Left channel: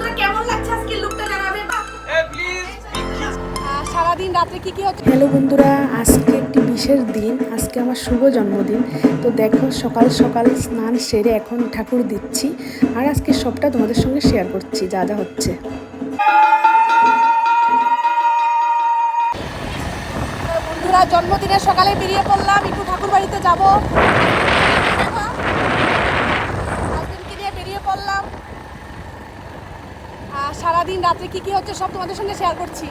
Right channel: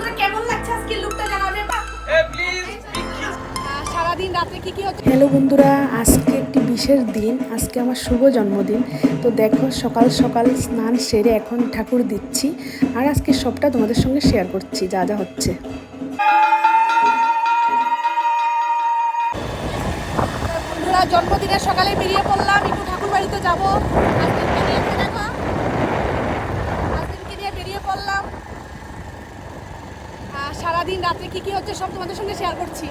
বন্ধুরা কেমন লাগছে আজকে লুকটা জানাবে সারাদিন কি কি হচ্ছে? হ্যালো বন্ধুরা আজকে একটি বিশেষ দিন আজকে আমার শুভ জন্মদিন। তো দেখো সকাল সকাল স্নান সেরে এখন ঠাকুর দিচ্ছি আর আজকে সবটা তোমাদের সঙ্গে শেয়ার করছি যা যা হচ্ছে। বন্ধুরা জন্মদিনের সকালে বেরিয়ে পড়লাম একটু ঠাকুর বাড়িতে যাব হাজবেন্ডকে নিয়ে বেরিয়ে পড়লাম আর সারাদিন রাত্রে কি কি হচ্ছে সব তোমাদের সঙ্গে শেয়ার করছি।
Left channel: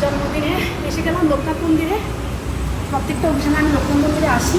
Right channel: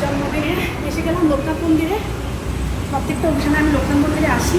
জন্মদিনে এসে গেলাম লোকনাথ মন্দিরে। প্রত্যেকটা অনুষ্ঠানে আমি লোকনাথ মন্দিরে আসি।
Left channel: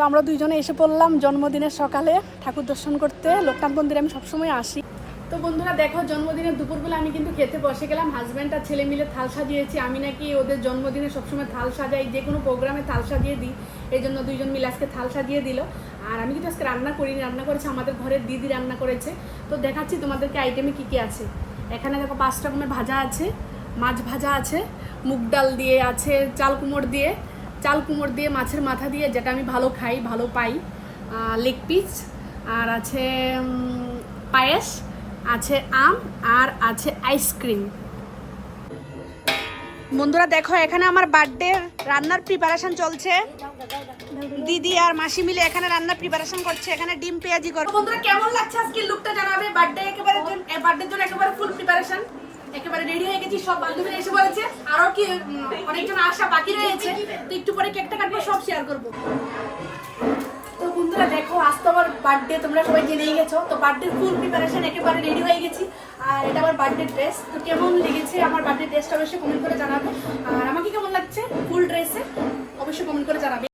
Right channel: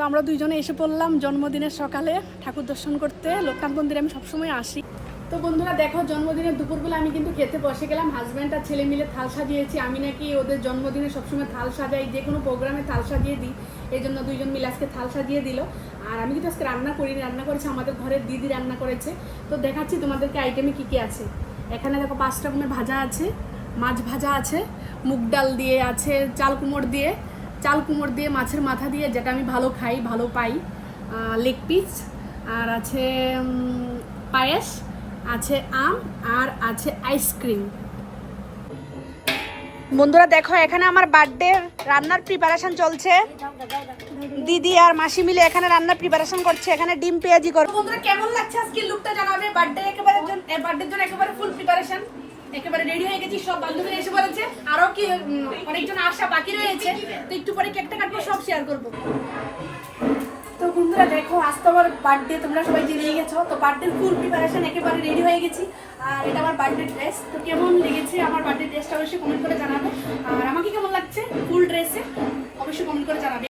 তো আমরা দুইজনে এসে পড়লাম জন্মদিনের সকালে ঠাকুর দর্শন করতে। লোকনাথ মন্দিরে আমি সবসময় আসি। তো বন্ধুরা, দেখো জন্মদিনের দুপুরবেলা আমি কিন্তু খেতে বসে গেলাম। হাজব্যান্ড আর ছেলে মিলে থাল সাজিয়েছি। আমি নাকি ওদের জন্মদিনে সবসময় থাল সাজাই, যে কোনো প্রোগ্রামে থাল সাজিয়ে দিই। এই জন্য দুইজন মিলে আজকে থাল সাজিয়ে দিল। আর আমি কিন্তু আজকে রান্না করিনি, রান্না করেছে আমাদের ঘরের দিদি রান্না করেছে। তো দেখাচ্ছি তোমাদেরকে আইটেমে কী কী আছে। এখানে দেখো পাঁচ রকমের ভাজা আছে, মাছ ভাজা আছে, মুগ ডাল দিয়ে আছে, চাল কুমড় দিয়ে চাল কুমড় দিয়ে, মাছের মাথা দিয়ে, যেটা আমি ভালো খাই, ভালো পাই লেগ পিস আর আছে পায়েস, আছে আম, আর আছে আইসক্রিম বন্ধুরা দেখো, এখানে আমার বার্থডে রান্নার প্রিপারেশন চলছে। দিদি আর মাসি মিলে এখানে রান্নার প্রিপারেশন করছে, এখানে ডিম পেঁয়াজি করব বন্ধুরা, কেমন লাগছে আজকে লুকটা জানাবে? বার্থডে একেবারে বার্থডের জন্য একেবারে ফুল প্রিপারেশন একেবারে রেডি হয়ে গেছি, সব বান্ধবীরা এসে বলেছে। আরও কি অনেকজন আসা বাকি রয়েছে, তো একটু পরে কেকটা কাটবো, সব শেয়ার করব। তো বন্ধুরা, দেখো, আজ তো আমার বার্থডে তোমরা সবাই জেনেই গেছো। তো বার্থডে ফুল প্রিপারেশন একেবারে রেডি হয়ে গেছি। আর এটা আমার বার্থডে ড্রেস তো কেমন লেগেছে আমার বার্থডে ড্রেসটা অবশ্যই কমেন্ট করে জানাবে। আর আমাকে কেমন লাগছে ফুল ড্রেসে অবশ্যই কমেন্ট করে জানাবে।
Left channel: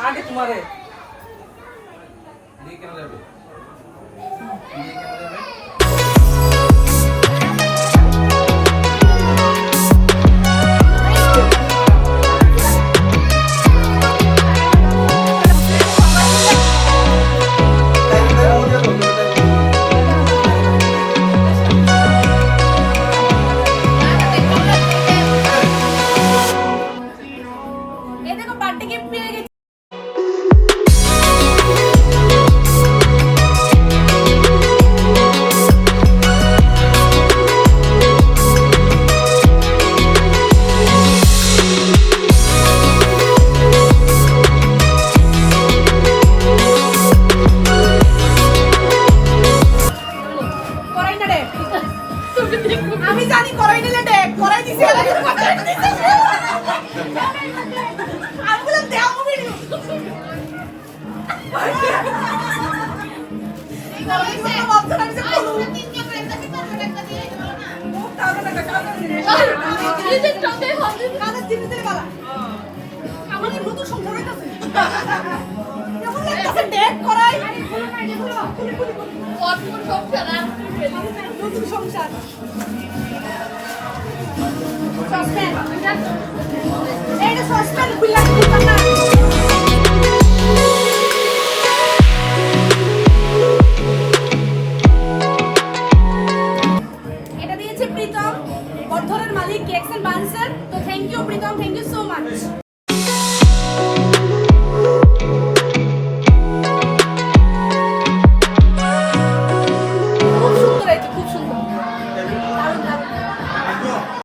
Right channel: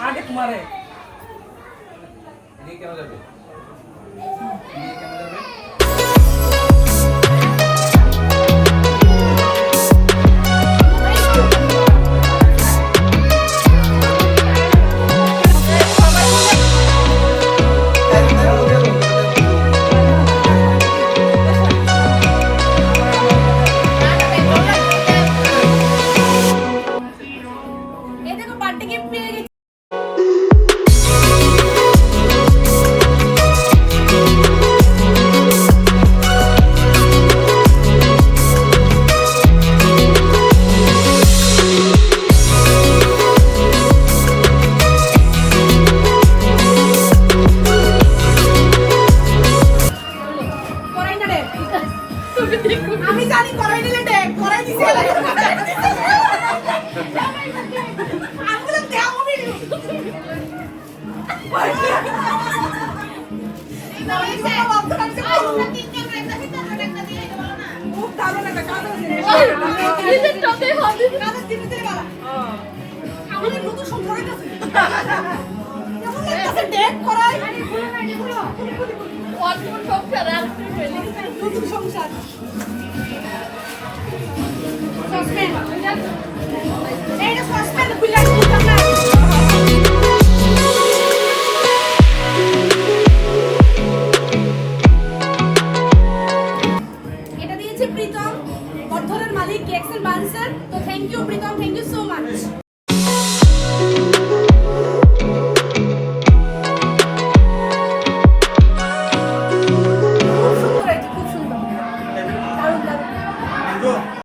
আগে তোমারে। কেন যাবে? কেন যাবে? আমাদের নতুন সংসার হইতাছে কেমন লাগতাছে ডেট করাই নতুন সংসার সসপেন এইটা সসপেন খুললা খুললাম না।